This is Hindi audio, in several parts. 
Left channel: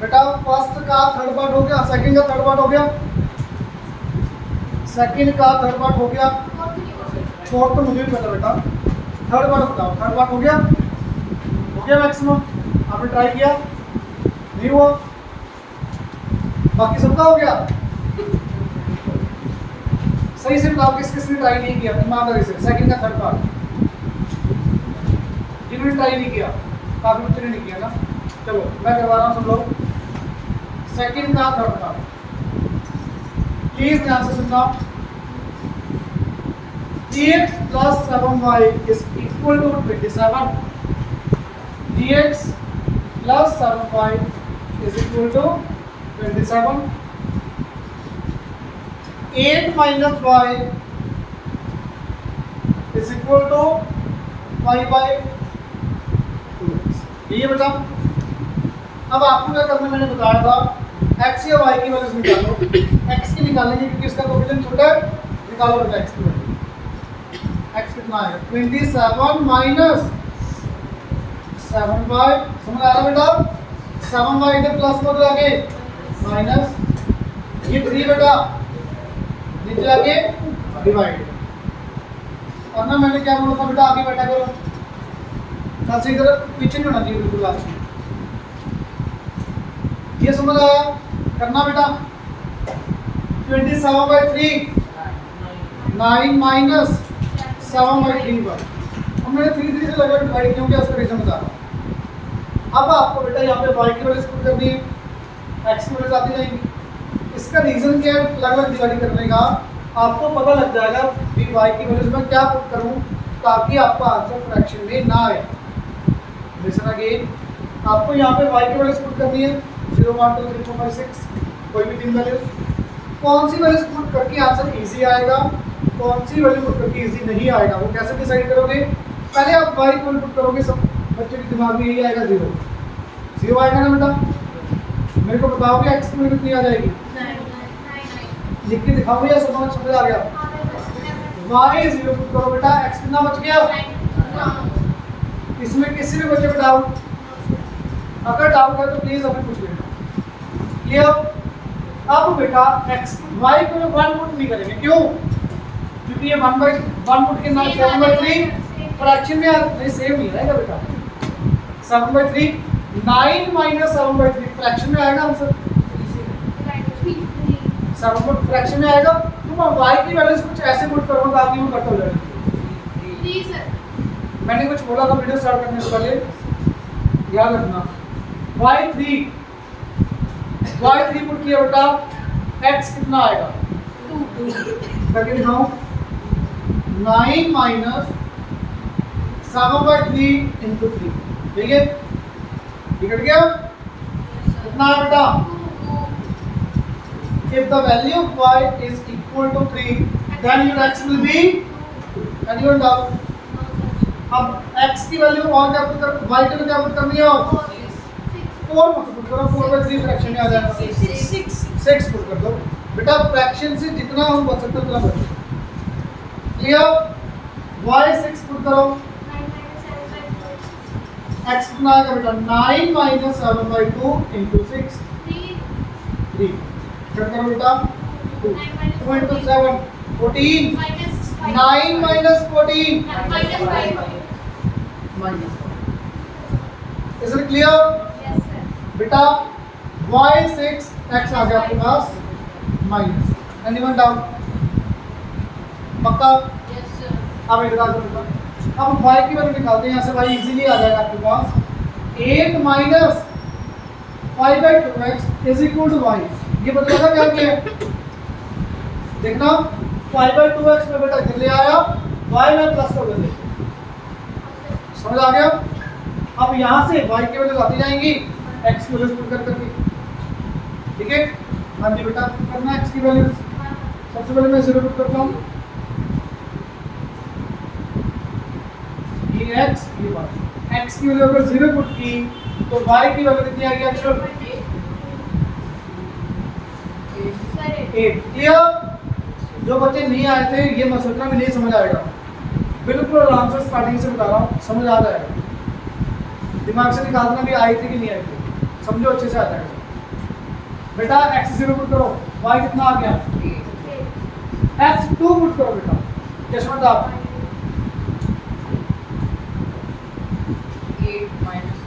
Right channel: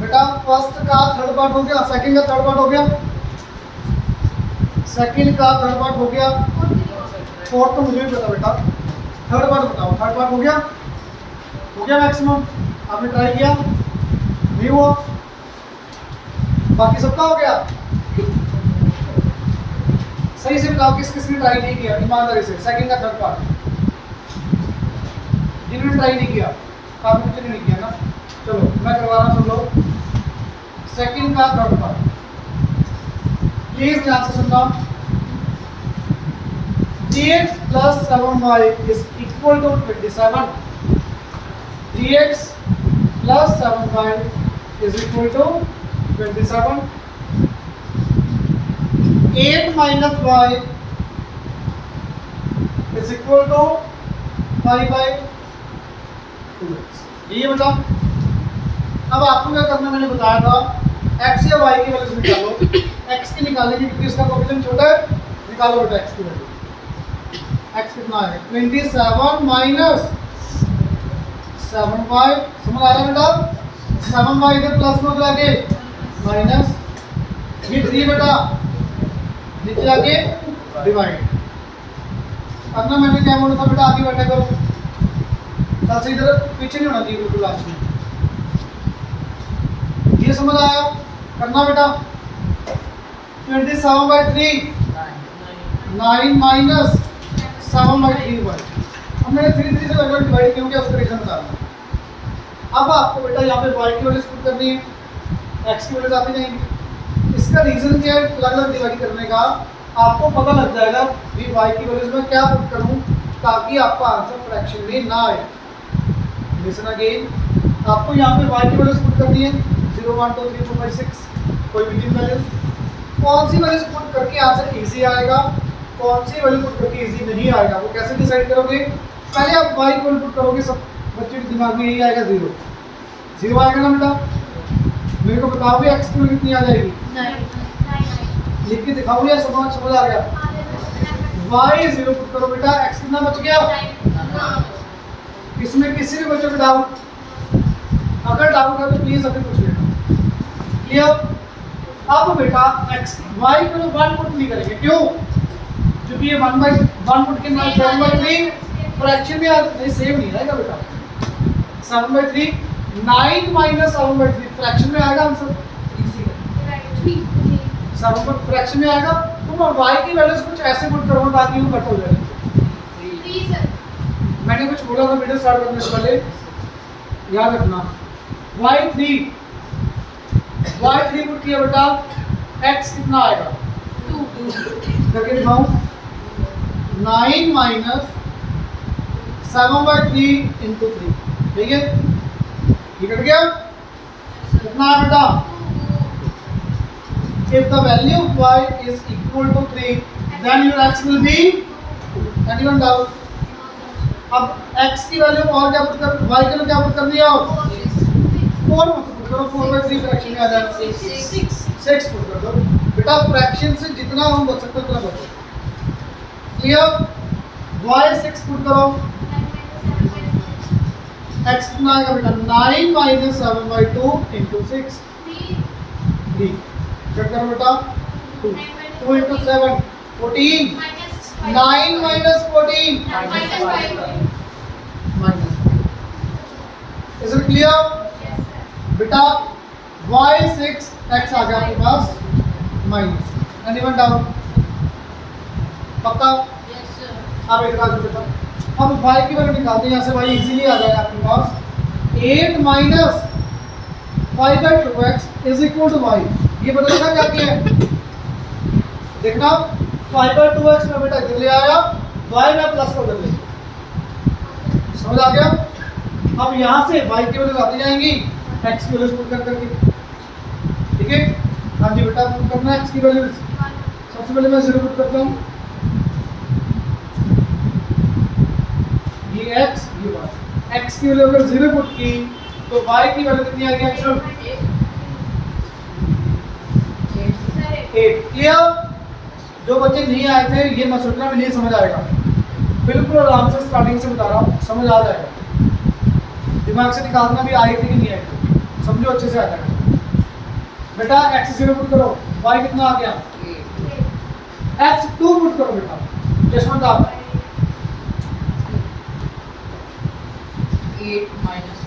बेटा फर्स्ट का थर्ड पार्ट हो गया, सेकंड का थर्ड पार्ट हो गया, सेकंड का थर्ड पार्ट हो गया, फोर्थ तो मुझे भी पता बेटा, थर्ड पार्ट बताओ। थर्ड पार्ट हो गया मैक्सिमम। आपने ट्राई किया नहीं हुआ, बाकी सबका हो गया। सही से बताओ किस किस ने ट्राई नहीं किया ईमानदारी से, सेकंड का थर्ड पार्ट जिन्होंने ट्राई नहीं किया, काफी बच्चे ने नहीं किया ना। चलो मैं करवा रहा हूँ, सुन लो सेकंड का थर्ड पार्ट, प्लीज ध्यान से सुनना। dx plus 7y is equal to 27. dx plus 7y is equal to 27. 8 minus y is equal to 5/2x. ये बताओ। अब आपको क्या करना, मैंने बताया था x या y की वैल्यूज निकालो। x की निकालेंगे क्योंकि इसका कोएफिशिएंट छोटा है, निकालो बेटा x की वैल्यू। x कितना आएगा 27 माइनस 7y, समझ आ रहा है बेटा? 7y इधर प्लस में उधर आगे माइनस, ये 3 बेटा नीचे आके डिवाइड करना। मैंने क्या बोला था बेटा, आगे बैठा करो, कल से इधर पीछे नहीं होना चाहिए बिल्कुल लास्ट में। ये समझ आया? करना बेटा 27/3 9 माइनस 7/3y। अब मैंने 3 से लगभग डिवाइड क्यों किया, उसका रीजन बता रहा हूँ। अब आपको बेटा यहाँ पे y की वैल्यू पुट करनी है, x की वैल्यू आती जाएंगी। इसका रीजन क्या है अलग-अलग डिवाइड करने का, आपको पता लग जाएगा भी y की वैल्यूज में क्या पुट करूं ताकि आपका आंसर फ्रैक्शन में ना आए। लिसन अगेन, आपको यहाँ पे y की वैल्यूज पुट करनी है 0 1 2 3 4 5 6, कोई भी 3 वैल्यूज। कौन सी वैल्यूज पुट करके आंसर इजी आएगा, कौन सी वैल्यू पुट करके इजी नहीं आएगा, वो कैसे डिसाइड करोगे? पहले आप y की वैल्यू पुट करोगे, सब बच्चे के दिमाग में यही आएगा 0 आएगा ना बेटा। मेरे को बताओगे x की वैल्यू कितनी आ जाएगी? लिख के दिखाओ या समझ आ गया? y 0 पुट करो बेटा, x कितना बच गया? इसमें किसी भी बच्चे को डाउट, अगर डाउट है तो प्लीज अभी पूछ लेना। ये अब बेटा x y को 1 पुट नहीं करेंगे, क्यों? क्योंकि ये 1/1 पुट के साथ 7/3 फ्रैक्शन में नहीं, सेम नहीं रहेगा बेटा। 7/3 9 माइनस 7/3 फ्रैक्शन में आएगा आंसर, 7 पर फ्रैक्शन में आएगा। तुम अब y की वैल्यूज कुछ ऐसे पुट करो ताकि वो कट हो जाए। मैंने कुछ बोला था वीडियो स्टार्ट करने से पहले, याद रखना। y3 पुट किया बेटा, x कितना आएगा 2 करके दिखाऊं। 9 माइनस 7/3 इंटू 3, ठीक है? ये कट गया, कितना है बेटा? If the value of y is equal to 3, then your x will be 2. Anyone doubt? अब x की वैल्यू और क्या पुट कर, y की वैल्यू क्या पुट करनी है? और 4 मत पुट करो, 4/3 फ्रैक्शन में आ जाएगा 6 पुट कर दो बेटा। फ्रैक्शन से जितना हम बच सकते उतना बचो। क्लियर? y 6 पुट करो, x कितना आएगा बेटा? 9 माइनस 7/2 इंटू 6 3 करो बेटा। 2 into 7 14, 9 minus 14 minus. Is it clear बेटा? y 6 x आ गया आपके पास माइनस। Anyone doubt? पक्का? अब एक बात बताओ, अब y की वैल्यू निकालते हैं, यहाँ से y इजीली आ जाएगा आपके पास। 8 minus 5/2x is equal to y। ये बता देखा क्या किया है? देखना 5/2x में बेटा इधर ले आया, y में प्लस का उधर ले, समझ आ गया? अब यहाँ से y की वैल्यू आती जाएंगी, x की वैल्यू पुट कर करके, ठीक है? हाँ जी बेटा, पुट करना x की वैल्यू। सबसे पहले मैं 0 पुट करता हूँ, ये x ये y। x की वैल्यू अगर 0 पुट की तो y की वैल्यू कितनी आएगी? एक्चुअल 8। क्लियर? जो बच्चे नहीं आए थे ये मत सोचना भी नहीं समझ आएगा, बिल्कुल आराम से स्टार्टिंग से बता रहा हूँ, समझ आ जाएगा। दिमाग से निकालना भी आई थी कि नहीं आई थी, समझो अच्छे से आ जाएगा। बेटा x 0 पुट करो, y कितना आ गया, x 2 पुट करो बेटा, जशवंत आप 8 माइनस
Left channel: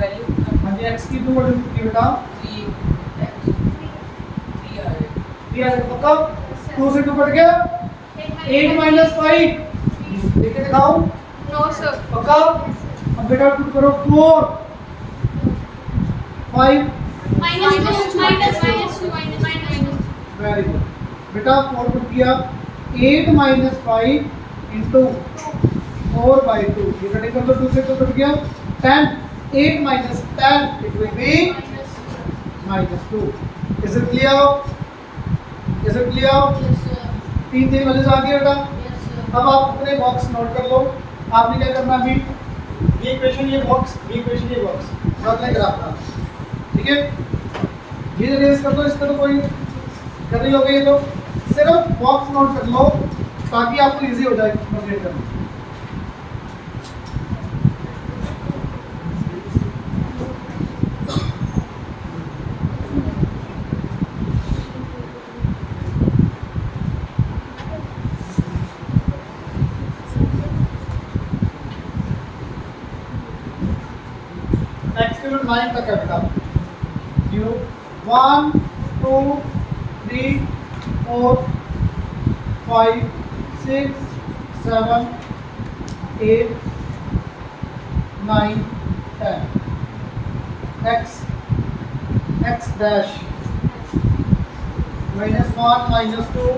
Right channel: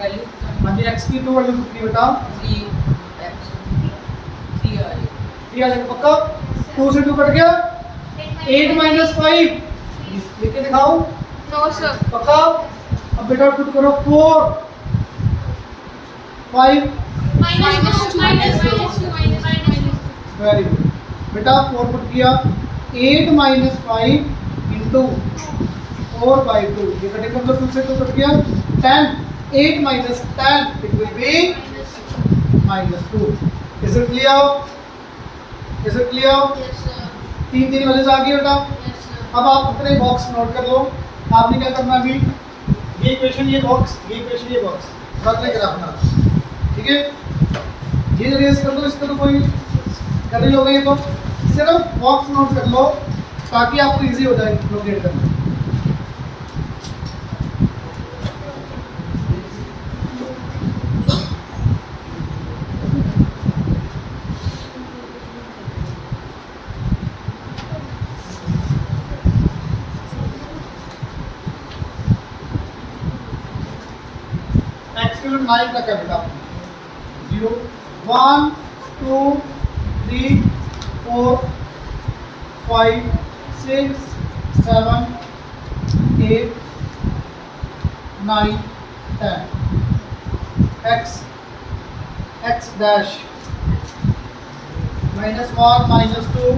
वैल्यू हाँ जी x की 2 वैल्यू कितनी बेटा 3 3 आ रहे 3 आ जाएगा पक्का, 2 से 2 कट गया, 8 माइनस 5 लिख के दिखाओ नो सर पक्का। अब बेटा पुट करो 4 5 माइनस टू वेरी गुड बेटा 4 पुट किया, 8 माइनस 5 इंटू 4 बाई 2, ये कटिंग कर दो, 2 से 2 कट गया, 10 8 minus 10 it will be minus 2। Is it clear, is it clear, 3 values आ गई बेटा। अब आप अपने बॉक्स नोट कर लो, आपने क्या करना अभी, ये इक्वेशन ये बॉक्स, ये इक्वेशन ये बॉक्स रखने ग्राफ बना, ठीक है, ये रेस कर दो, इसका तो कोई कर ही लोगे, ये तो सिर्फ बॉक्स नोट कर लो ताकि आपको इजी हो जाए लोकेट करना। एक्सक्यूट 9 तक है बेटा, 0 1 2 3 4 5 6 7 8 9 10 x dash -1 -2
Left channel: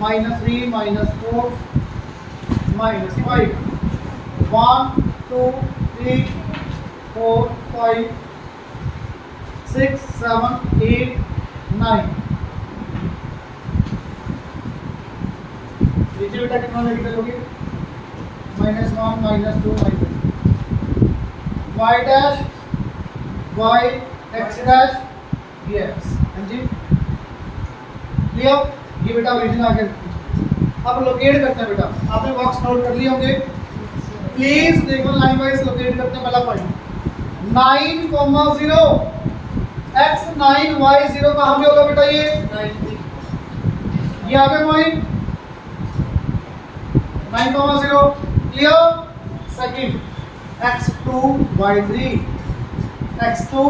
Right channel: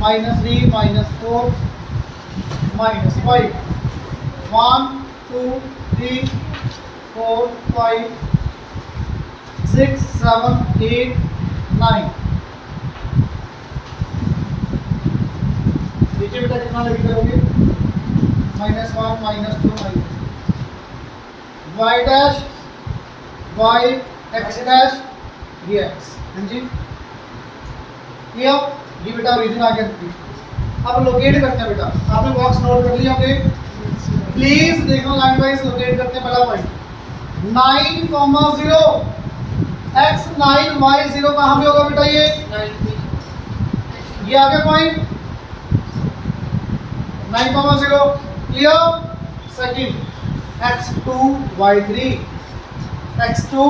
-3 -4 -5 1 2 3 4 5 6 7 8 9 नीचे बेटा कितना लेके चलोगे, -1 -2 y dash y x dash dx, हाँ जी क्लियर, ये बेटा ओरिजिन आ गया। अब लोकेट करते हैं बेटा, आपने बॉक्स नोट कर लिए होंगे, प्लीज देखो लाइन वाइज लोकेट करते हैं। पहला पॉइंट 9,0 x 9 y 0 कहाँ पे होगा बेटा, ये आ गया point 9,0 clear. Second x2 y3 x2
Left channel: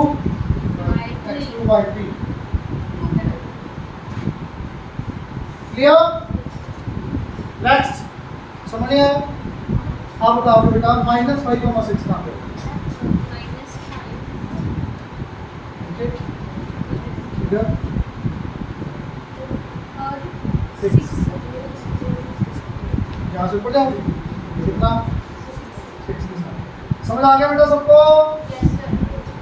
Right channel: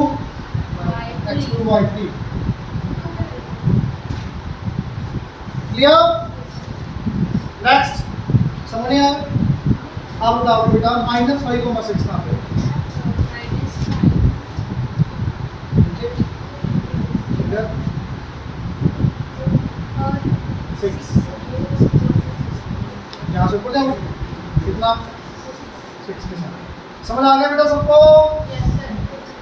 y3 clear. Next समझ नहीं आया, आप बताओ बेटा -5,6 कहाँ पे, यहाँ से ऊपर जाओ कितना 6 के साथ, समझ आ गया बेटा सबको,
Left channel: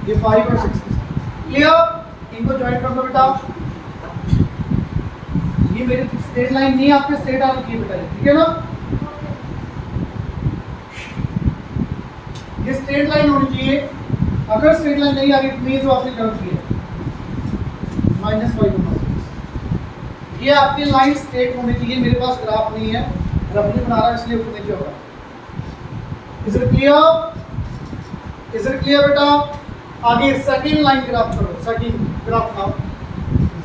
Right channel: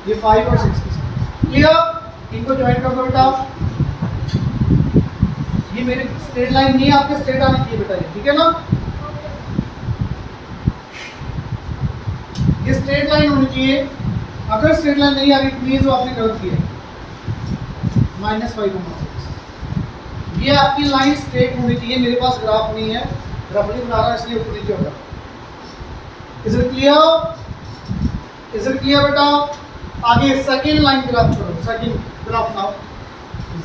ये 5 और 6 के साथ क्लियर। इनको ज्वाइन कर दो बेटा, ये मेरे स्ट्रेट लाइन नहीं है, आपके स्ट्रेट आनी चाहिए बेटा, ठीक है ना, ये स्ट्रेट लाइन होनी चाहिए, अगर स्ट्रेट लाइन नहीं आ रही मीन्स वो आपने गलत किया, -5 ये आपकी लाइन स्ट्रेट होनी चाहिए, मेरे पास ग्राफ नहीं है, रफली बना रहा है इसलिए ऊपर नीचे होगा। Is it clear, is it clear बेटा। आगे सेकंड लाइन ग्राफ करो, सेकंड ग्राफ नाउ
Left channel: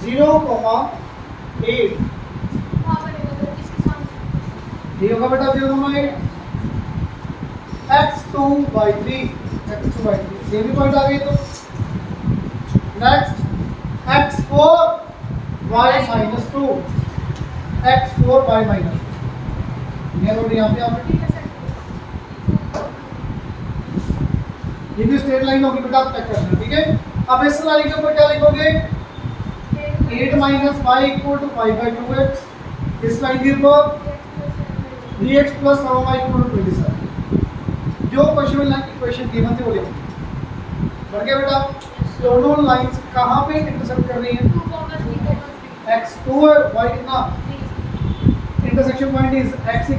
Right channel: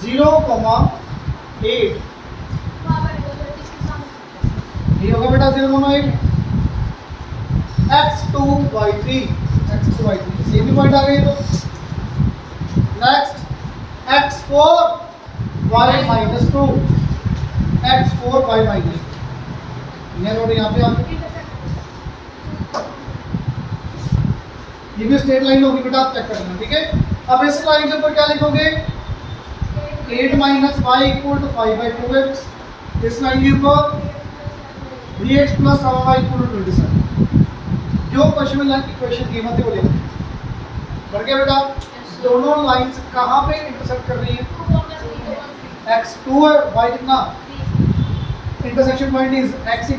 0,8 ये होगा बेटा 0,8 x2 y3 ये भी पॉइंट आ गई। तो next x4 y -2 x4 y -2 ये रोड यहाँ पे आपकी, ये भी स्ट्रेट लाइन होगी बेटा, आप चेक करना, ठीक है। अब इस लाइन के ऊपर क्या लिखोगे, 8 - y = 5/2x, इस लाइन के ऊपर 3x + 7y = 27, जो क्वेश्चन में इक्वेशन दी थी वो लिखो, बढ़ गया बेटा। दोनों लाइंस कहाँ पे इंटरसेक्ट कर रही हैं, x2 है, y कितना, intersection point is x =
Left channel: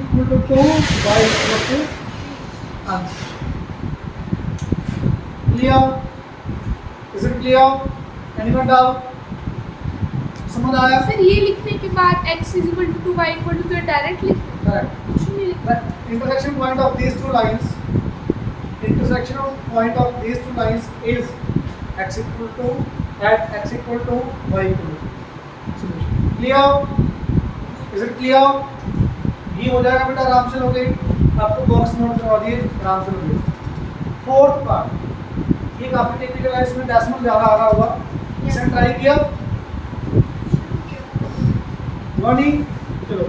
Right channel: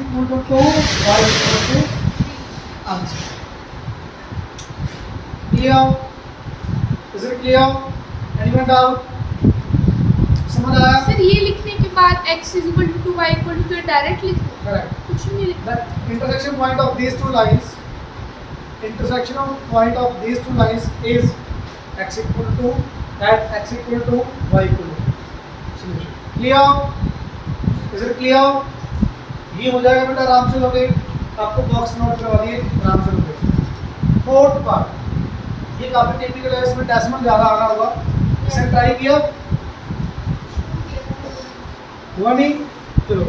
2, y = 2, answer clear, is it clear, anyone doubt, समझ आया। सर ये लिखने के बाद x = 2 y = 2 डायरेक्ट लिख correct, कुछ नहीं लिखना। intersection point of these two lines is x = 2 at x equal to y equal to solution. Clear? Is it clear? ये हो जाएगा बेटा आराम से लोगे, आपको बॉक्स नोट करवा दिए आराम से लोगे। फोर्थ पार्ट ये काफी टिपिकल है, इसमें डेसिमल ज़्यादा आ रहा होगा, इसे ट्राई किया हुआ नहीं, चलो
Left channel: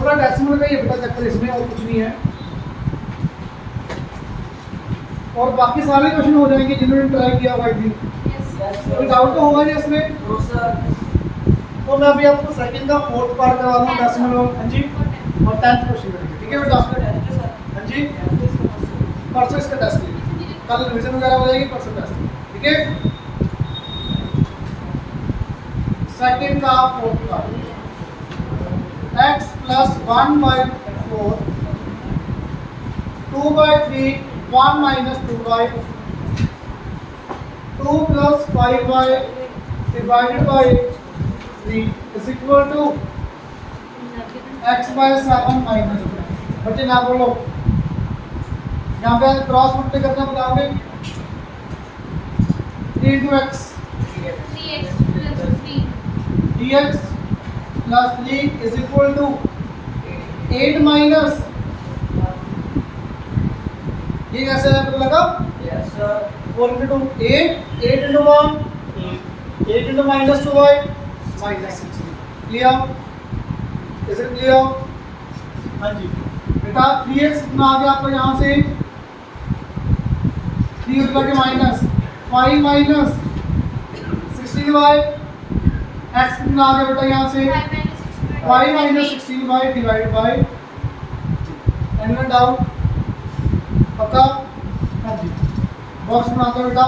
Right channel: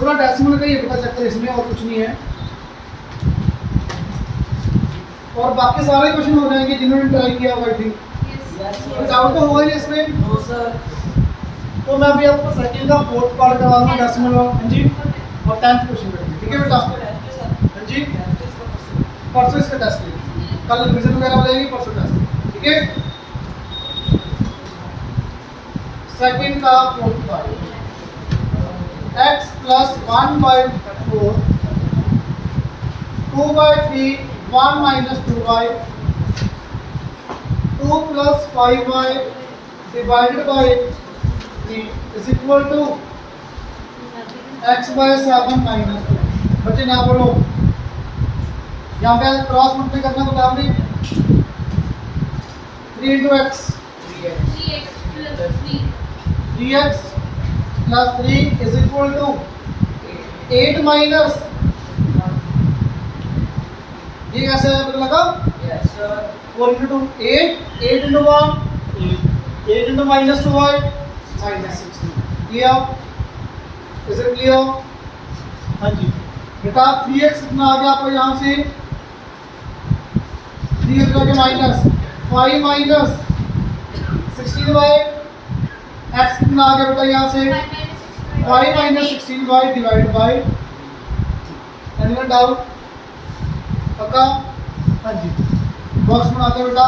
थोड़ा डेसिमल का ये बेटा चक्कर इसमें, और कुछ नहीं है, और बाकी सारे क्वेश्चन हो जाएंगे जिन्होंने ट्राई किया हुआ। आई थिंक कोई डाउट तो होगा नहीं इसमें। तो मैं अभी आपको सेकंड का फोर्थ पार्ट करवा दूँ डेसिमल वाला, हाँ जी, और 10th क्वेश्चन करेंगे, ठीक है बेटा? हाँ जी, परसों इसका टेस्ट लेंगे, कल रिविजन वगैरह हो जाएगी, परसों टेस्ट, ठीक है? सेकंड का fourth part, x plus 1/4 2/3 1 minus 2y 2 plus 5y divided by 3 is equal to x by 7 minus 2। बच्चे ना बोलो, यहाँ पे क्रॉस मल्टीप्लाई करना बताओगे, 3 into x 3x plus 3 is equal to 8 minus, ये कैसे है पता लगा? 4 into 2 8 8 into 1 8 into minus 2y minus 6। Clear? Is it clear? हाँ जी बेटा 3x कितना आ गया आपको यहाँ से, 3 के माइनस 5 माइनस 16y, x कितना आ गया बेटा यहाँ से 5 minus 16y divided by, anyone doubt? पक्का? हाँ जी, बॉक्स बनाते हैं बेटा।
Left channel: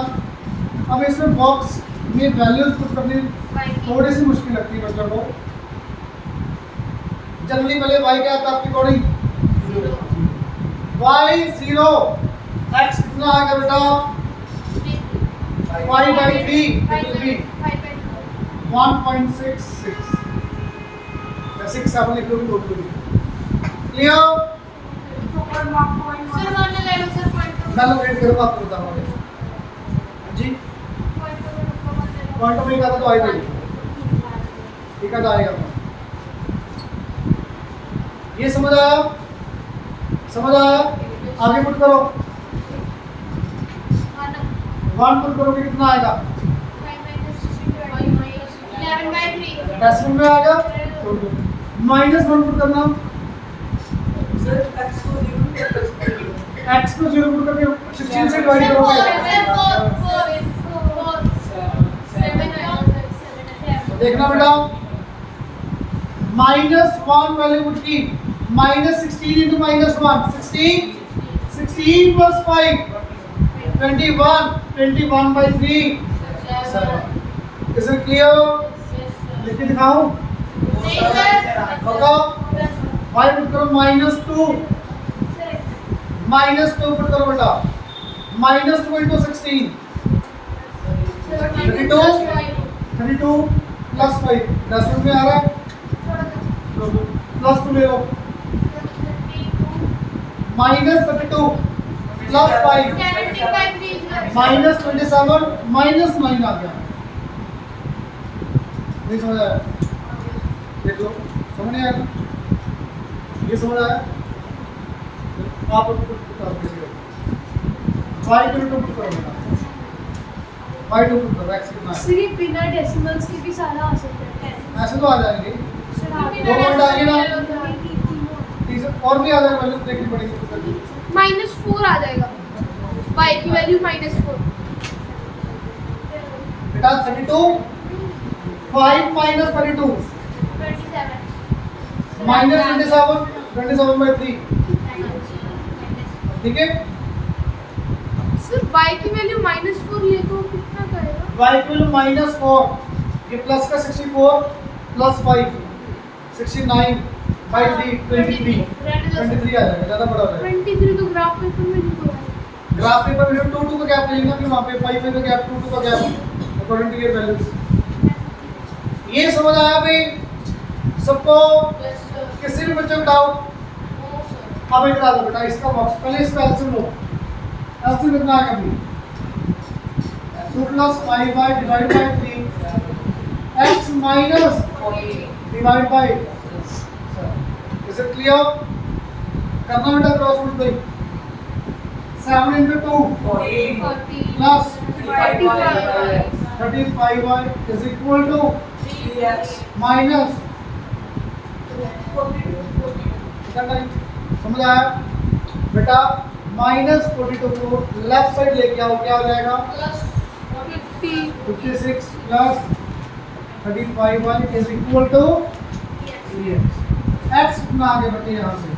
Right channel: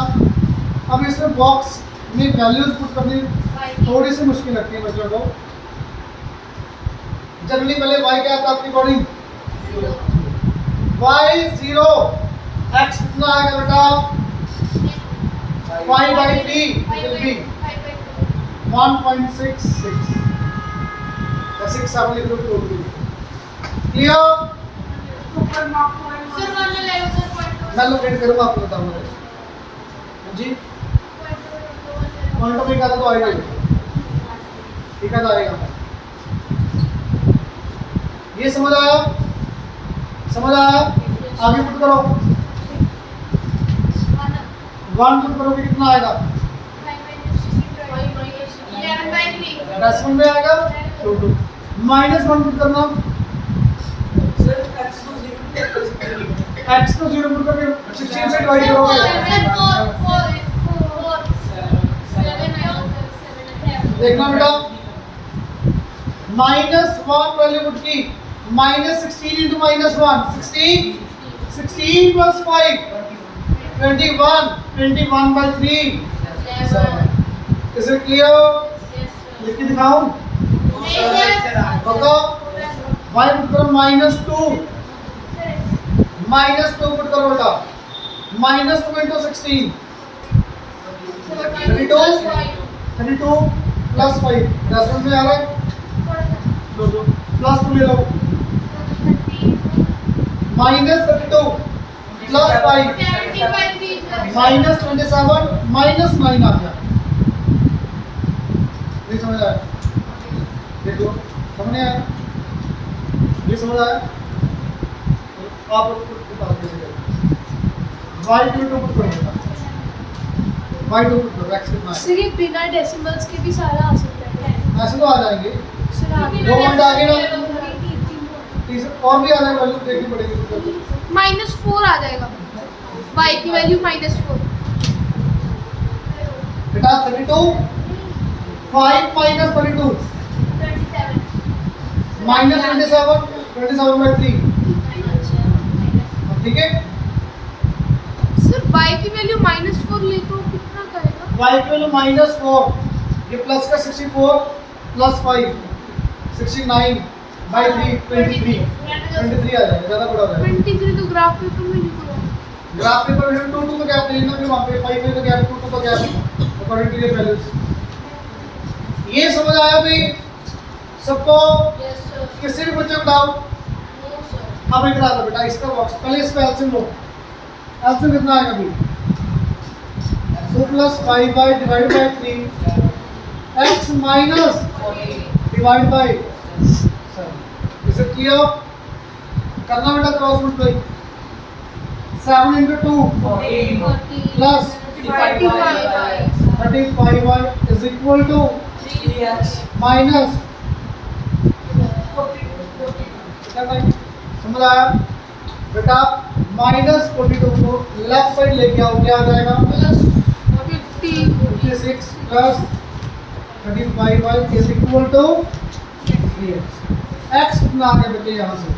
अब इसमें बॉक्स में वैल्यूज पुट करनी थोड़ी सी मुश्किल लगती है बच्चों को। जनरली पहले y क्या था आपकी अकॉर्डिंग, y 0, x कितना आ गया बेटा 5/3, it will be 1.66, 6 7 लिख लो, क्लियर? मैं लोकेट करूँगा, आपको बताऊँगा जी। पॉइंट ऑफ व्यू का तो आएगा ही, ठीक है, तो आएगा। ये समझ आया? समझ आया? आगे पुट करो, 1 पुट करोगे कितना आएगा, डेसिमल में आएगा, -1 पुट करना, x को 0 पुट करके 16 से डिवाइड करोगे, देखना बेटा, -1 वैल्यू पुट की, -16 into -1 16 plus 5 21/3 Is it clear? लिख के दिखाऊं? पक्का? y पुट करो -2 पुट करो बेटा, -2 into 16 32 plus 5 10 में आ रहा है, प्लस 2 ले लो, -32 plus 5 -27 -9 आ गया। ये समझ आया? देख लो, समझ नहीं आया? ये समझ आया? आप पुट करो, y को पुट करो बेटा, y को पुट करो, x कितना है? सिर्फ बिना डेसिमल्स के भी सारा आ सकता है, ऐसे तो आ जाएंगे, दो पॉइंट आ गए ना, और भी आ जाएगा, वैल्यू देखनी पड़ेगी, -4 आ जाएगा, y की वैल्यू -4 बेटा 32 5 minus 32 -27/3, ठीक है? सर y की वैल्यू -4 ले तो कितना करेगा, y की वैल्यू -4, ये प्लस का 64 प्लस 5 69/3 23 आ जाएगा, ज़्यादा बड़ा हो जाएगा। 23 तो ग्राफ पेपर में लिखो, ग्राफ पेपर में 2 2 का गैप लेना, फिर वहाँ पे 5 5 का गैप 2 2 का गैप अकॉर्डिंग टू ये वैल्यूज। ये समझ आया भाई सबको? किसी भी बच्चे को डाउट? अब इधर आ जाओ बेटा, इसका बॉक्स पहले इसका एलसीएम लो, एलसीएम कितना आएगा अभी 2 plus 5y divided by 3 x minus divided by 7. Is it clear? करना बेटा cross multiply 7 into 2 plus 35y is equal to minus समझ आया बेटा माइनस 42 को लेफ्ट साइड लेके आओ क्या आ जाएगा 56 plus 35y is equal to x कितना आगे बचे यहाँ से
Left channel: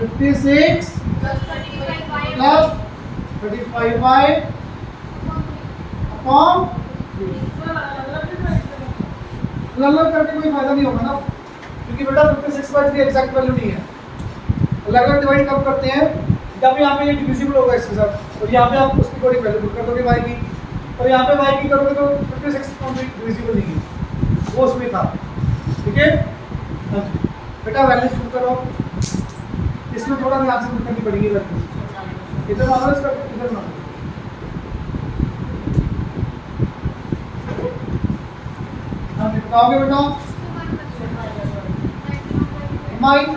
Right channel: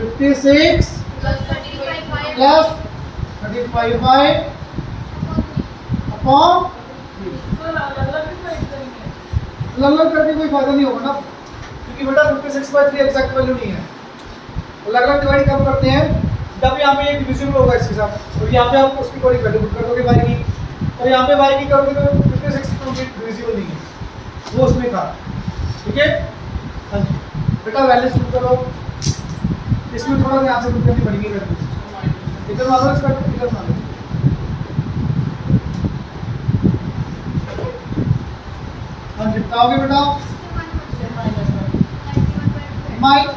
56 प्लस 35y अपॉन अलग करके कोई फायदा नहीं होगा ना क्योंकि बेटा 56/3 एग्जैक्ट वैल्यू नहीं है। अलग-अलग डिवाइड कब करते हैं जब यहाँ पे ये डिविजिबल होगा इसके साथ और यहाँ पे आप उसकी कोई वैल्यू पुट कर दोगे y की और यहाँ पे y की करोगे तो 56 कंप्लीट डिविजिबल नहीं है वो उसमें था। ठीक है हाँ जी बेटा वैल्यू पुट करो इसमें थोड़ा ध्यान से पुट करनी पड़ेगी वैल्यू इधर मानो इसका इधर मानो हाँ जी बताओगे बेटा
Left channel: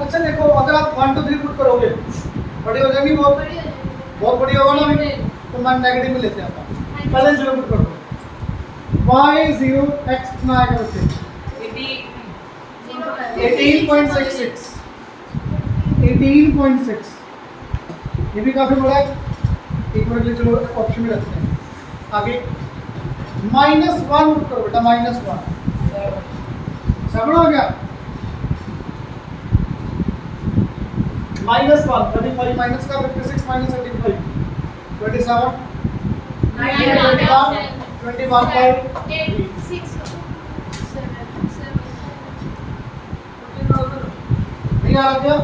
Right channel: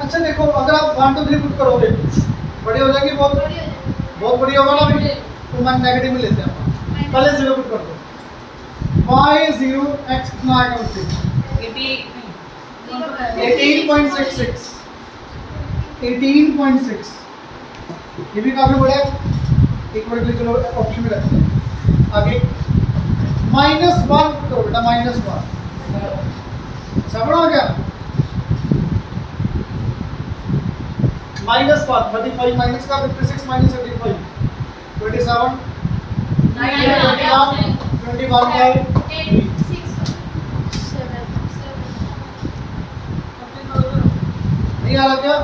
अच्छा देखो अगर आप 1 2 3 पुट करोगे बड़ी हो जाएगी बहुत बड़ी होगा ना भाई तो मान नेगेटिव में लेते हैं अपन पहले 0 पुट कर दो y0 x कितना आएगा उससे 18.66 18.6 ये भी काफी बड़ा है एक मिनट के लिए चलो ऑप्शन में रखते हैं आगे -1 पुट करो बेटा -1 समझ आ गया -1 35 माइनस का 56 माइनस 35 27 21 by 3 नहीं आ रहा क्या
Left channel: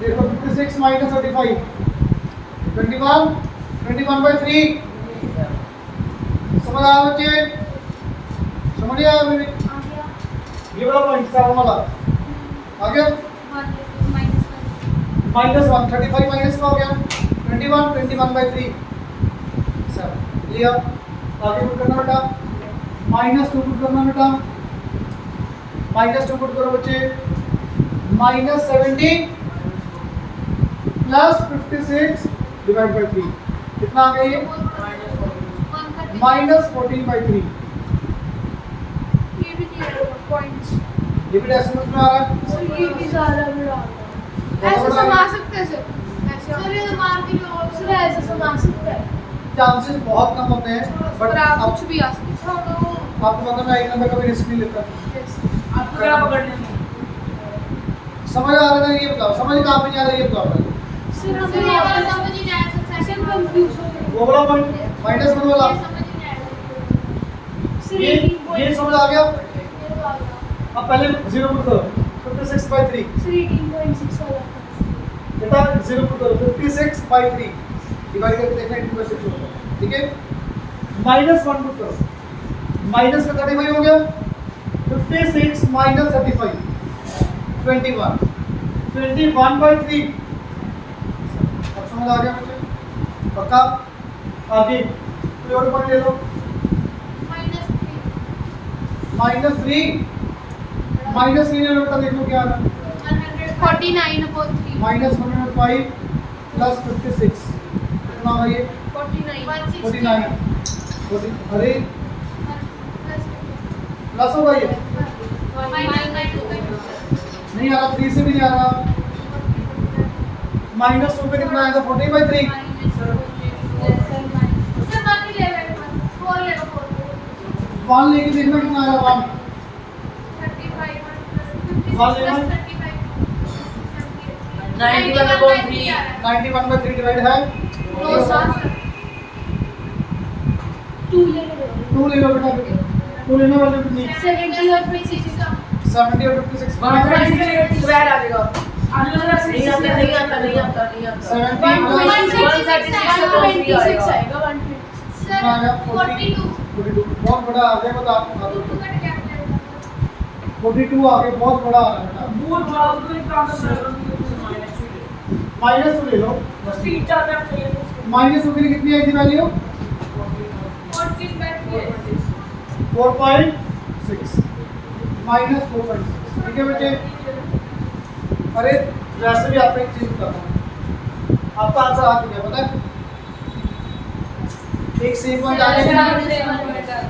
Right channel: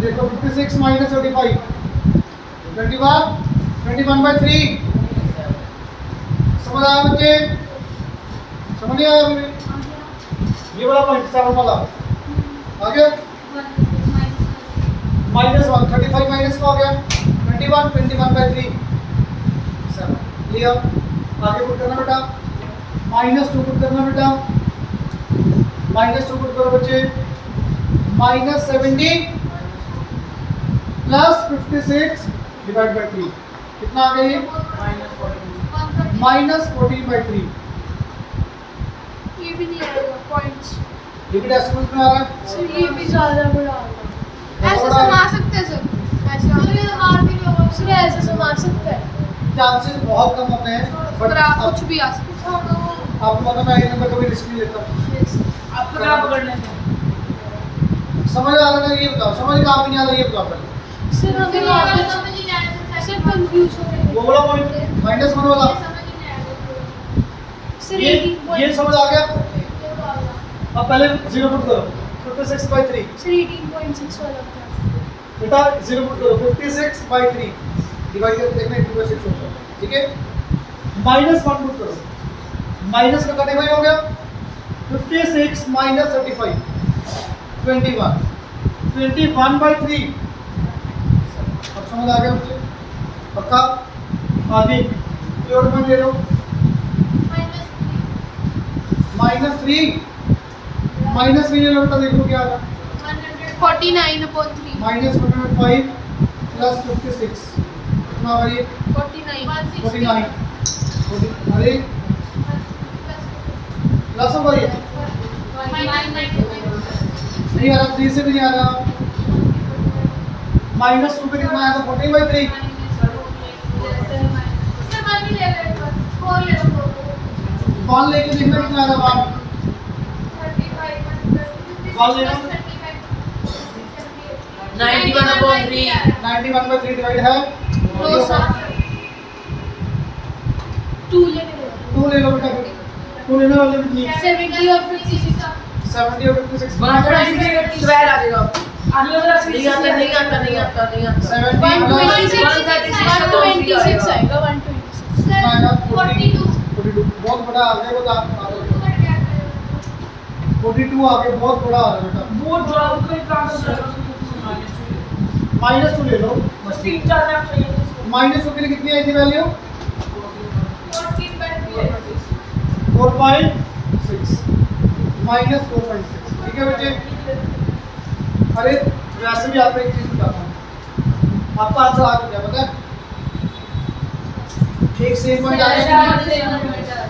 देखो 56 माइनस 35 21 by 3 समझ आया बच्चे समझ नहीं आया मेरे ये वाला पॉइंट 7 वाला आगे -1 35 माइनस का हो गया 21 by 3 7 लिया आगे पुट करना बेटा -2 पुट करना बेटा -2 पुट करो बच्चे -70 प्लस 56 डिवाइड बाय 3 कितना आ गया ये -14 by 3 ये भी नहीं आएगा पॉइंट्स ये भी डेसिमल में आ रहा है सर ये भी ज्यादा बड़ा होगा ऐसे समा सकते हैं सर ऐसे सर ये मार भी नहीं होगा सर ऐसे समा सकते हैं चांसेस बहुत कम होते हैं पर आप कुछ भी आ सकते हैं आपको पता मैं एक नंबर का भी रिस्क नहीं लेता आपको क्या पकड़ना है समझ आ रहा है ये बताओ समझ कहाँ पे नहीं आ रहा ये बताओ पहले सर हमें वापस समझ नहीं आ रहा सर कंफ्यूज हो गए वो वाला पॉइंट -1 वाला सर ये समझ आ गया अब पहले 0 पुट करो 56 by 3 सर 18.6 वाला बेटा 0 पुट करो 56 by 3 डिवाइड करके देखना 2/6 होता है ठीक है -1 पुट करो माइनस का 35 हो गया 56 minus 35 21 by 3 अब समझ आ गया मुझे पक्का आगे कोई और पॉइंट ले लो -3 ले लो बेटा देखो क्या आ रहा है 49/3 -105 प्लस 56 कितना होगा ये 49 अरे प्लस होगा ये नहीं आ रहा 3 से भी नहीं आ रहा -2 पे कितना आएगा 40/3 1 लेके देखना कितना आ रहा है 1 लेना 91/3 डिवाइड है 2 ले लो 2 ले लो बेटा 2 लेने वाले कितनी 70 और 56 70 और 56 12 आ जाएगा नहीं आता 70 126 आएगा 126 42 बहुत बड़ा आ जाएगा तो आप 42 आ गया बहुत बड़ा आ रहा है बेटा -2 ले लो। बस 3-4 मैप चाहिए थे उसको। -2 के लिए कितनी आई थी वैल्यू? 14 बैठ गए 4.6 -4.6। ठीक है बच्चे। अरे वैसे भी आपको एक चीज बताता हूँ, आपका आंसर आ चुका है, पता है? एक सेम पॉइंट आ गया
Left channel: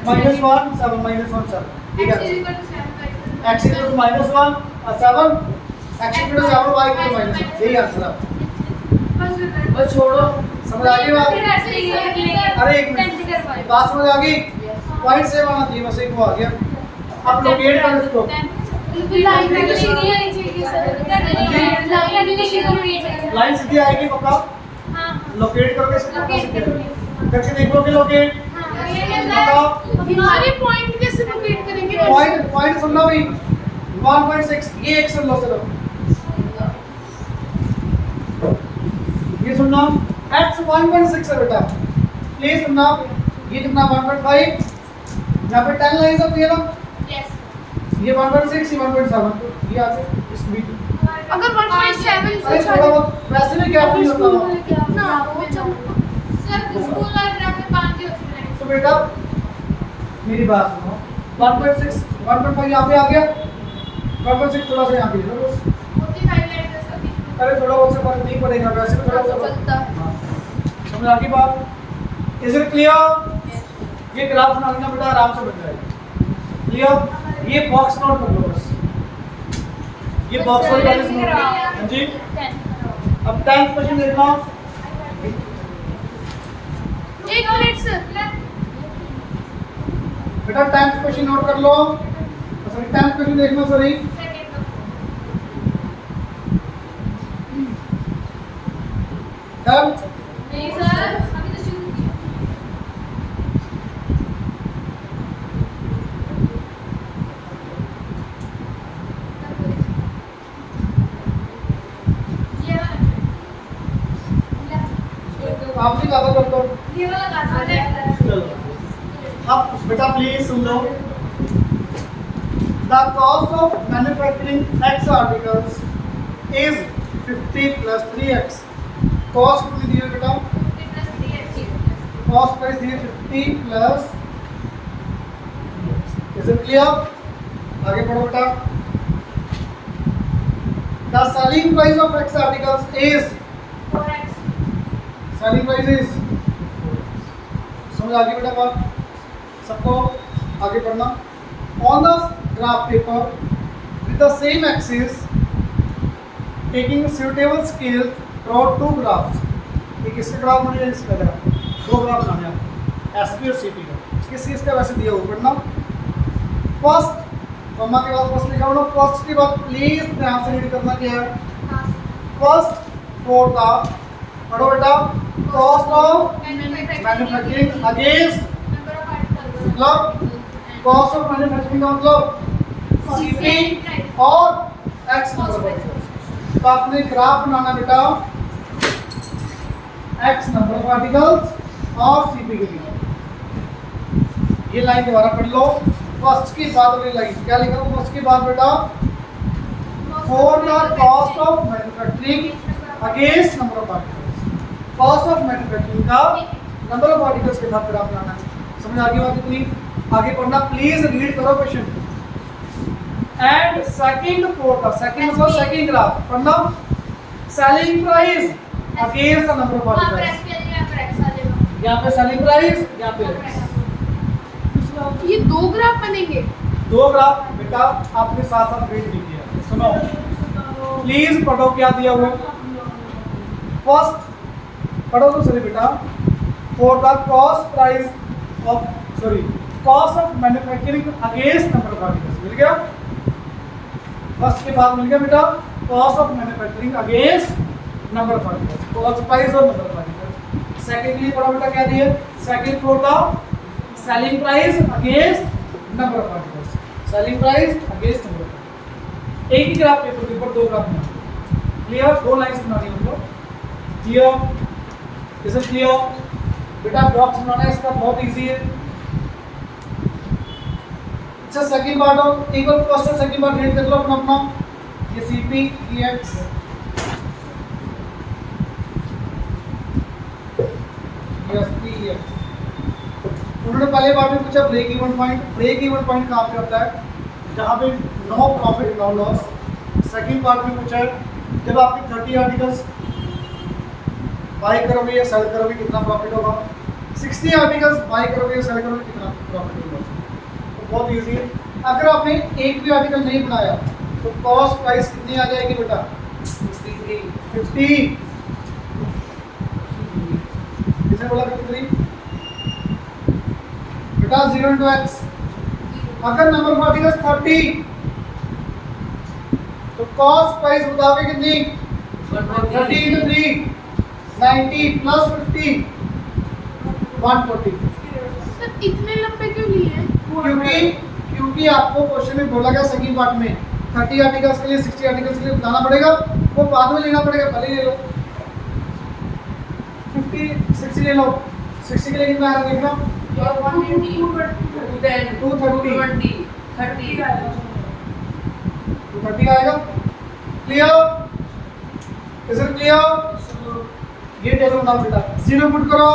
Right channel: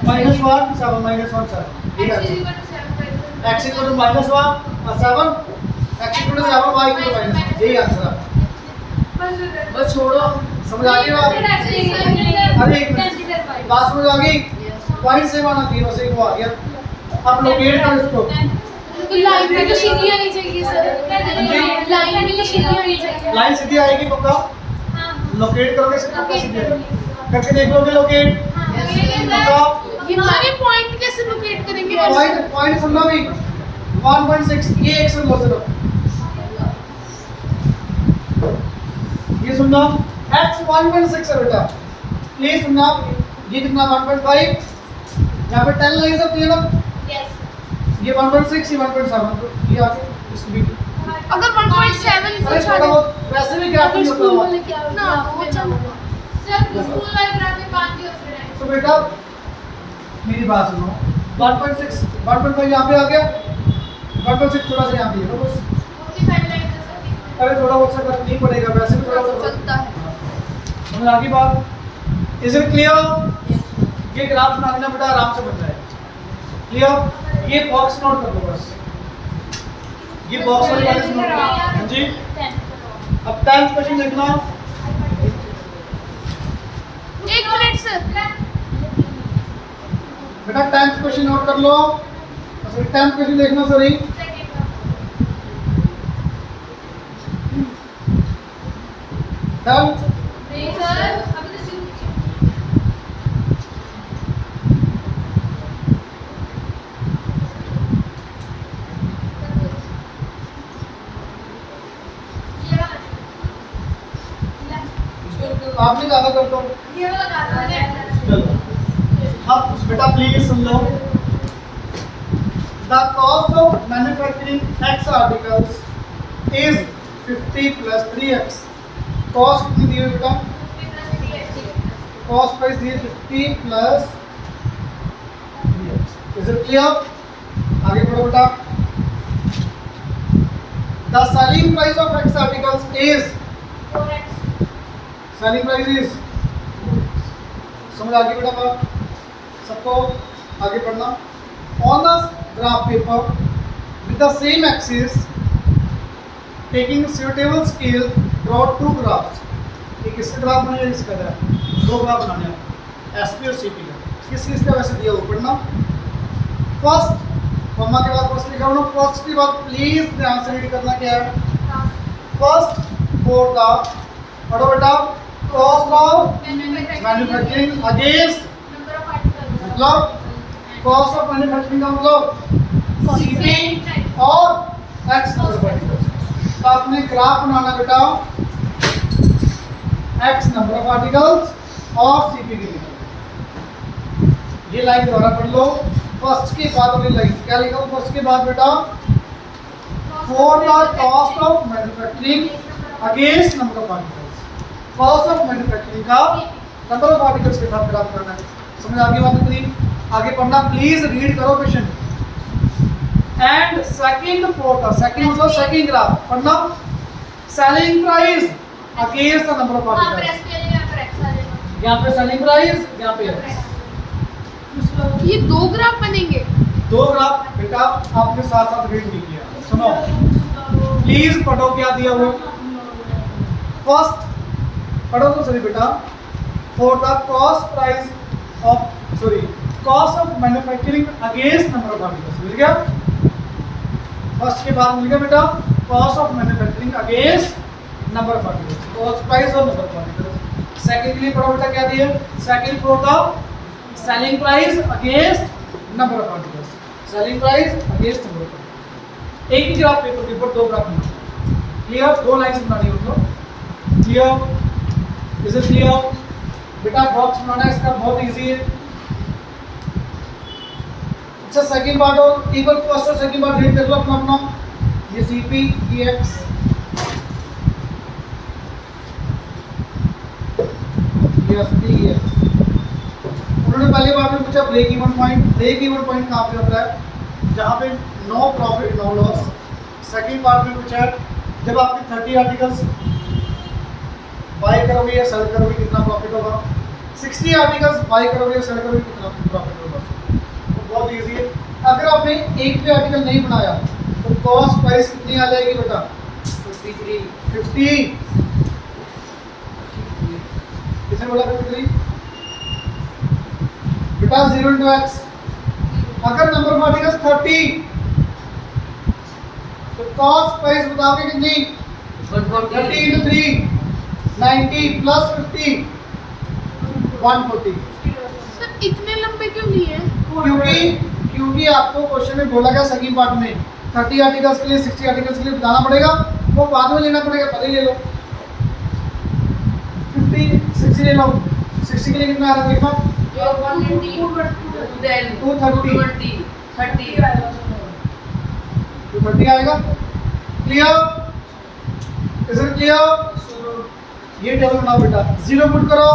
-1 7 -1 7 ठीक है। x इक्वल टू -1 और 7 x equal to 7 y equal to -1, यही आंसर है। बस छोड़ो। समझ आ गई बात? अरे एक मिनट, बात समझ आ गई? पॉइंट सेम आना चाहिए, बस एक वो आ गया। अब लोकेट करो इसको। लाइन में तो सीधी आनी चाहिए सर, लाइन में तो सीधी आनी चाहिए। लाइन सीधी आएगी पक्का? हाँ लोकेट करोगे इसको पक्का सीधी आएगी। करके देख लोगे लोकेट पक्का? हमारे पॉइंट कैसे लोकेट करेंगे? पॉइंट सुनना भाई, 1.6 ये एक सुन लो सिर्फ, ये सुनना x 1.6 है बेटा, प्लीज सुनना। ये कितना 1.5, यहाँ पे 10 लाइन्स होती है ना, ये 1.6 ये 1.7, तो ये आगे इस बीच। अगर 1.7 अरे थोड़ा बहुत वैसे भी गैप नहीं होता ना वो चल सर स्कूल वाले ग्राफ में 5 ही होते हैं। तो बेटा मेरी बात सुनो, 1.6 1.5 यहाँ पे आ गया, 1.6 थोड़ा सा यहाँ पे है बस। 45 लाइन है सर। अरे थोड़ा बहुत सा फर्क नहीं पड़ेगा, वैसे भी थोड़ा सा चलता है। समझ आ गई बात? Is it clear? ये ग्राफ बना लेना बेटा, आराम से बन जाएगा। क्लियर? ये बॉक्स नोट कर लो बस, ये बॉक्स वाली वाले नोट कर लो। हाँ जी। अब 10th क्वेश्चन देखना। एक मिनट सर, बेटा 10th क्वेश्चन नोट कर लो, सॉरी 10th क्वेश्चन देखना सॉरी। डन? नहीं सर अभी तो शुरू किया। ये वाला आपने कहा था कर लो। ये वाला काटा है। चलो अब बेटा please soon low. The cost of manufacturing X articles is 50 plus 3x. Cost कितनी दी है बेटा? Cost price दी है 50 plus 3x. Is it clear? आगे पढ़ो बेटा। The selling price of X articles is 4x। selling price is समझ आ गई बेटा बात? सबको आगे पढ़ना। On the graph paper with the same axis, taking suitable scale, draw 2 graphs. एक इसका ग्राफ बनेगा, इसका ग्राफ, 2 ग्राफ बनाने हैं एसपी और सीपी का। किस किस का वैसे दिया हुआ पढ़ना। फर्स्ट कॉमा के बाद फर्स्ट लिखा हुआ, फर्स्ट के बाद प्लीज ध्यान से रीड करना क्या है। फर्स्ट फॉर द पढ़ो बेटा, कॉस्ट ऑफ मैन्युफैक्चरिंग अगेंस्ट, मतलब कॉस्ट ऑफ मैन्युफैक्चरिंग का मतलब सीपी और एक्स नंबर ऑफ आर्टिकल्स। तो आपने ग्राफ बनाना बेटा एक्स नंबर ऑफ आर्टिकल्स और सीपी के बीच। ये लाइन दोबारा पढ़ लो, फर्स्ट के बाद वाली लाइन क्या लिखा हुआ फर्स्ट के बाद बेटा, for the cost of manufacturing against number of articles. Cost of manufacturing का नंबर ऑफ आर्टिकल्स के साथ ग्राफ बनाना है। समझ आ गई बात इतनी? आगे पढ़ना प्लीज, रीड करो question. And second for the second मतलब सेकंड ग्राफ पढ़ना, selling price against the number of articles. यहाँ पे सेलिंग प्राइस, यहाँ पे ये 2 ग्राफ बनेंगे। 2 ग्राफ बेटा आपने साथ साथ रीड नहीं किया। सुनो प्लीज पढ़ो क्या दिया हुआ। फर्स्ट पढ़ो तो सही बेटा, for the cost price of sorry cost of manufacturing against number of articles. मिल गया? फर्स्ट के बाद मिल गया बेटा cost of manufacturing against number of articles, cost price और नंबर ऑफ आर्टिकल्स। सेकंड के लिए पढ़ो बेटा क्या दिया, second for the selling price against number of articles, selling price against number of articles. एक ही ग्राफ पेपर के ऊपर 2 ग्राफ बनाना। क्लियर? 2 लाइंस बनानी है उनको। क्लियर? Is it clear? बेटा बॉक्स बनाना है इसका बहुत इजी है। अच्छा सेकंड पार्ट और टेबल फर्स्ट और सेकंड पार्ट रीड कर लो अपना अपना। ये सीपी ये एक्स ये एसपी है। उन्होंने पहले पार्ट में पूछा break even point. Break even point कहाँ पे होता है? जहाँ पे no profit no loss. Second part में पूछा है जब आपके 30 आर्टिकल्स बाय करोगे या सेल करोगे कितना प्रॉफिट होगा। 60 आर्टिकल्स बाय करोगे या सेल करोगे कितना प्रॉफिट होगा। तो बहुत ईजी है। अगर आपने एक भी आर्टिकल नहीं बनाया तो कॉस्ट प्राइस कितनी आ जाएगी बेटा? 50। किसने बोला 53? बेटा 0 into x। अगर नंबर ऑफ आर्टिकल्स 30 तो कॉस्ट प्राइस बताओगे कितनी? 30 into 3 90 plus 50 140। सर इतने लंबे क्यों लिए? क्योंकि आपको क्वेश्चन में बोला गया सेकंड पार्ट में 30 आर्टिकल्स के लिए 60 आर्टिकल्स के लिए बताना पड़ेगा, वो बाद में लेना पड़ेगा, पहले ही ले लो। 50 60 ले लो। 60 के लिए कितना आ रहा है देखो? 230 आएगा। क्लियर? Is it clear? ये टेबल बनाओ बेटा। 0 पुट करो,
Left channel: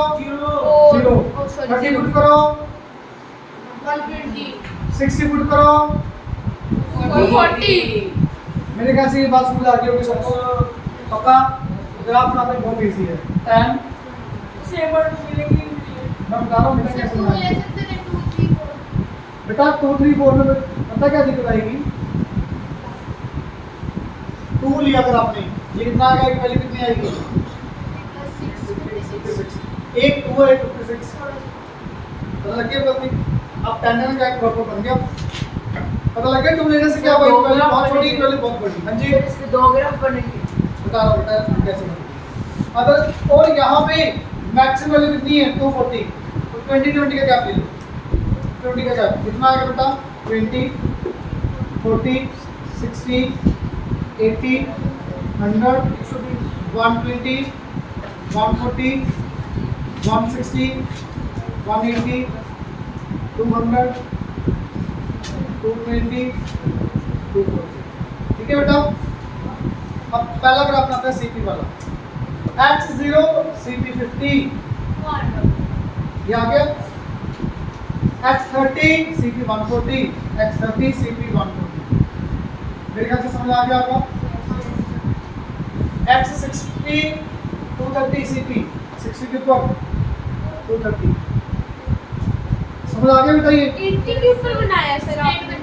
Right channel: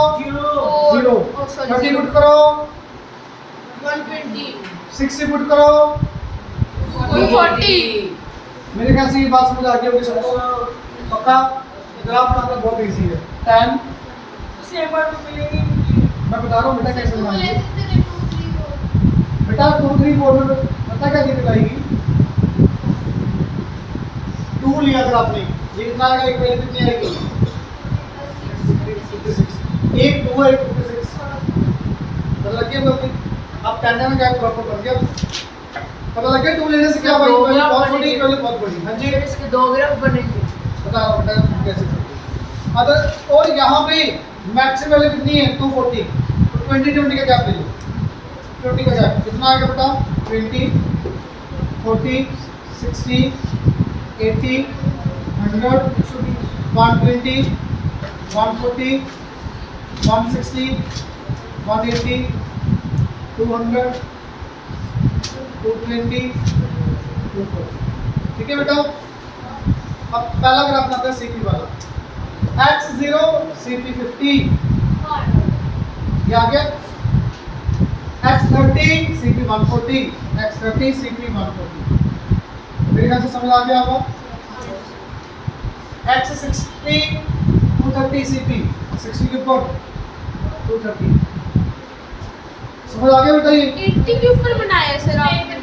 0 30 पुट करो, 120 60 पुट करो। 240। मेरे ख्याल से ये बात समझ आ गई होगी सबको। पक्का? ग्राफ बनाना बहुत इजी है। 10 सेम वर्ड मिलेगी। मैं बता रहा हूँ बेटा कैसे बनाना है। 2 3 4 बेटा 2 3 4 में पता क्या दिक्कत आएगी? 2 लिया अगर आपने, ये कितना आएगा? एक वैल्यू कितनी आएगी? 56। एक 2 है, एक 56। पता लग गया गलती? अब टेंडर में क्या प्रॉपर बन गया? पता लग गया 2 लेने से क्या भाई? बहुत छोटी वैल्यू बहुत बड़ी। हाँ जी, इसके 2 ग्राफ बनेंगे। बता रहा हूँ बेटा कैसे करते। अगर और यहाँ पे मैक्सिमम वैल्यू कितनी है? 240। तो 20 20 का गैप ले लो। 20 का गैप कितना आएगा बेटा? 20 40 60 80 100 120 140 160 180 200 220 240। ठीक है बेटा? अब पहला ग्राफ बनाते हैं सीपी वाला। x0 सीपी 50 ये आ गया। x30 CP 140 x30 CP 140। मेरे ख्याल से समझ आ गया आपको? x60 230 सीपी 60 के ऊपर 230। समझ आ गया बेटा? ये 80 के ऊपर बनाया है सर आपने।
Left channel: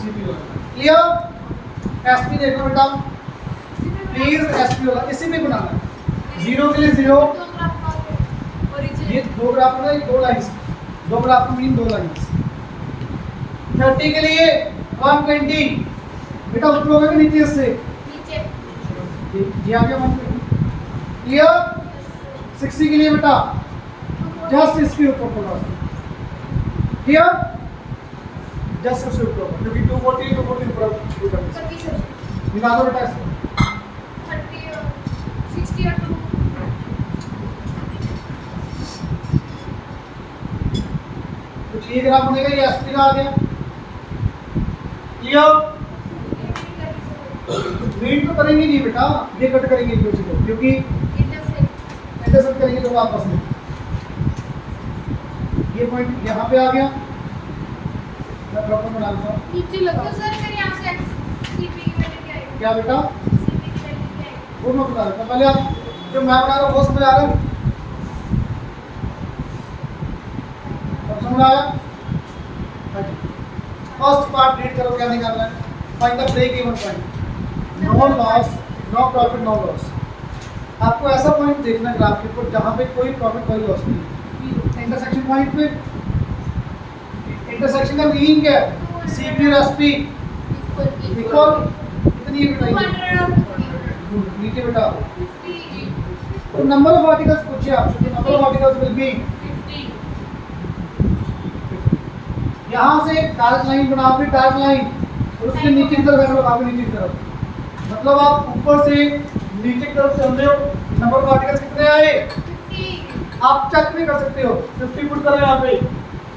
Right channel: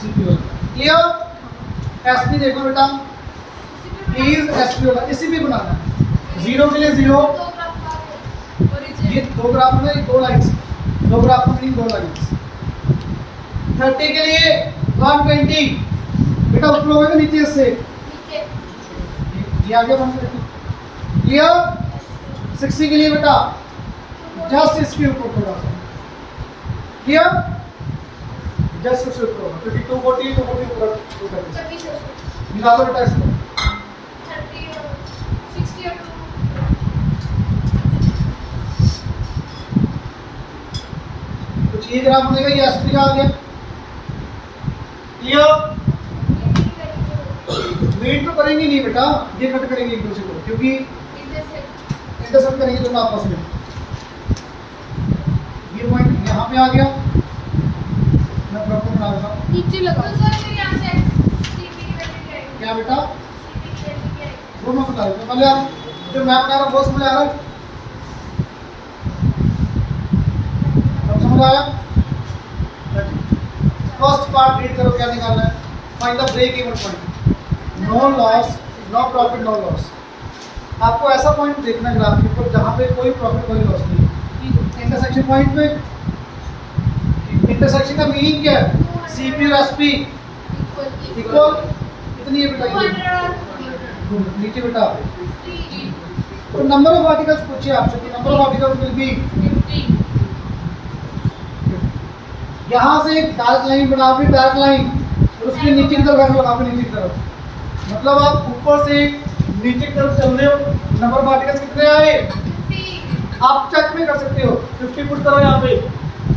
सीपी वाला क्लियर? एसपी देखो बेटा प्लीज, एसपी वाला इसी में बनाना है। 0 के लिए 0, ये 2 ग्राफ में 2 लाइंस, 2 ग्राफ में 2 लाइंस। 30 के लिए 120 बेटा ऊपर होगा कि नीचे से? ये आ गया 120। क्लियर? 60 के लिए बेटा जस्ट इसके ऊपर थोड़ा सा। क्लियर? जस्ट उसके ऊपर, क्योंकि 240 ऊपर 230 मिला दो बेटा इसको। 60 और 2 कुछ ये ग्राफ बनेगा, ये एसपी का आ गया। क्लियर? मीट तो करेंगे नहीं बेटा, ये कट करेंगे एक दूसरे को, क्योंकि इंटरसेक्ट करेंगे दोनों आपस में। ये पॉइंट यहाँ पे आ गया, मैं प्रॉपर बना देता हूँ। नीचे लगा सर फिर यहां से सीपी की वैल्यू क्या है? क्या बेटा? सीपी की वैल्यू क्या है? वो मैं बता देता हूँ। पहले आप जो मैं बना रहा हूँ वो समझ आ रहा है? अब समझ आया? फर्स्ट पार्ट रीड करो, क्या निकालना है? Find the break even point. No loss, no profit, no loss. आपको ऐसा पॉइंट देखना है ग्राफ के ऊपर जहाँ पे कोई प्रॉफिट कोई लॉस नहीं है। इंटरसेक्शन पॉइंट पे, इंटरसेक्शन का मीनिंग क्या है? सीपी और एसपी इक्वल कितनी है बेटा? ये नीचे बेटा तो नंबर ऑफ आर्टिकल्स पूछिए आपसे, number of articles will be 50। यहाँ से एक डार्क लाइन बना फिर डार्क लाइन और उसके नीचे की तरफ ऐसे लगा फिर नीचे की तरफ, मतलब आप ऊपर से नीचे की तरफ चल रहे हो। नंबर ऑफ आर्टिकल्स कितने आए? 50 आप चेक भी कर सकते हो। 50 पुट करो यहाँ पे,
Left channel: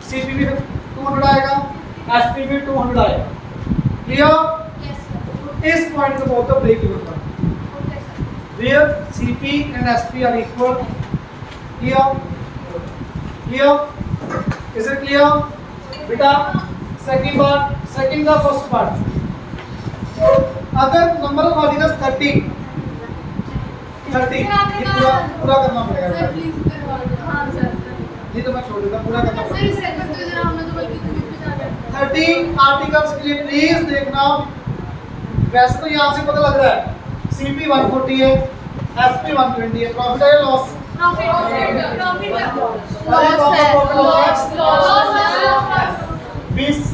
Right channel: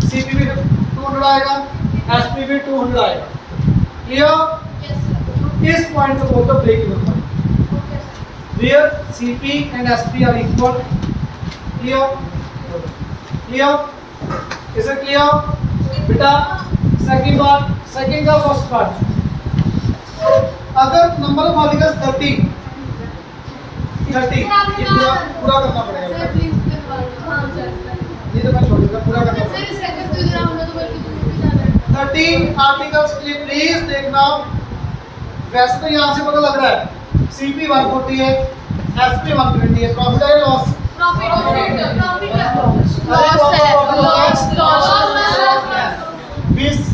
सीपी भी 200 आएगा, एसपी भी 200 आएगा। क्लियर? यस सर इस पॉइंट को बोलते हो break even point, where CP and SP are equal. Clear? Clear? Is it clear? बेटा सेकंड बार, सेकंड का फर्स्ट पार्ट, अगर नंबर ऑफ आर्टिकल्स 30 ये पूरा करना पड़ेगा सर बेटा, प्लीज करवा दो। हाँ सर ये तो मैं छोड़ दूंगा, पूरा करना सर पड़ेगा। इस सेकंड तो इधर हमने तो बल्कि तुम्हें भी जाना है। 30 आर्टिकल्स के लिए प्लीज देखना। वैसे तो यहाँ से पता लग रहा है CP 140 है, SP 120 है, प्रॉफिट है लॉस?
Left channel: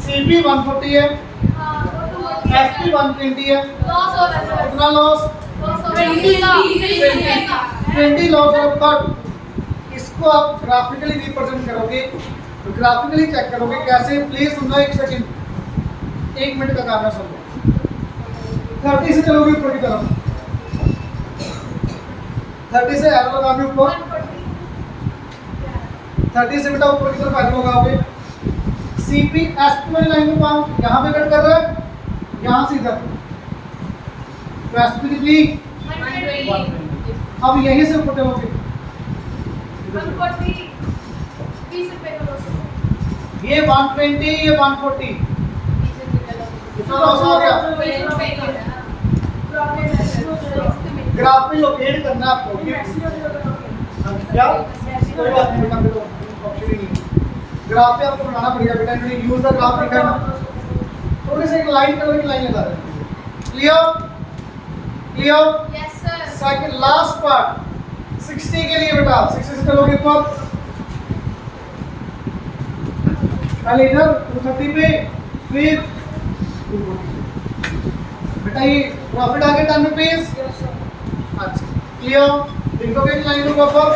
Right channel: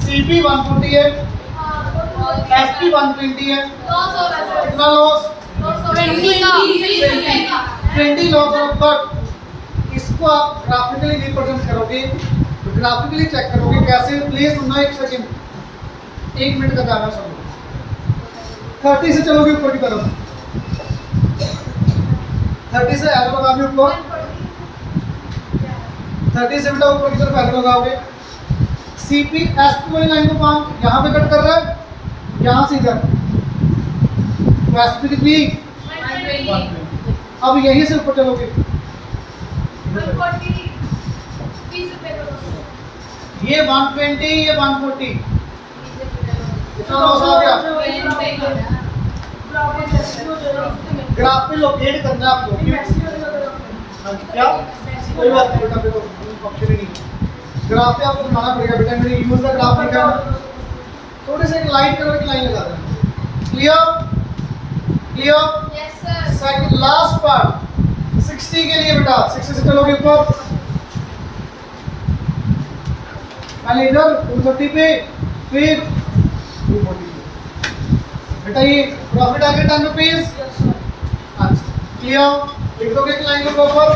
CP 140 है, SP 120 है, कितना लॉस? 20 लॉस और बट इसको आप ग्राफिकली रिप्रेजेंट करोगे, तो ग्राफिकली चेक करोगे कैसे, प्लीज सुनना एक सेकंड, 1 मिनट का काम है सुनो। 30 से चलोगे ऊपर की तरफ, 30 से एरो लगाओगे ऊपर, 30 से बेटा ऊपर की तरफ एरो लगाओगे। CP SP वाली लाइन को पाँच यहाँ पे कट कर रहा है, यहाँ से इधर, तो SP कितनी? 120। अब यहीं से ऊपर चलोगे, ये 120, ये 140, कितना लॉस आ गया? ग्राफ पे लोकेट करना है आपको, क्या? कोई बात नहीं बेटा, देखो ऑप्शन ही नहीं है, ग्राफ पे आपको बनाना पड़ेगा बेटा, मैंने यूज द ग्राफ लिखा है ना, थोड़े से एक लाइन करो, एक लाइन लगा दें। Clear? Clear? Yes sir. Second last part 60 के लिए बेटा, 60 से चलोगे ऊपर, पहले इधर 230 पे, फिर 240 बेटा, ये प्रॉफिट आ गया 10 रुपीज। अच्छा क्लियर? लिख दोगे एक लाइन के ऊपर।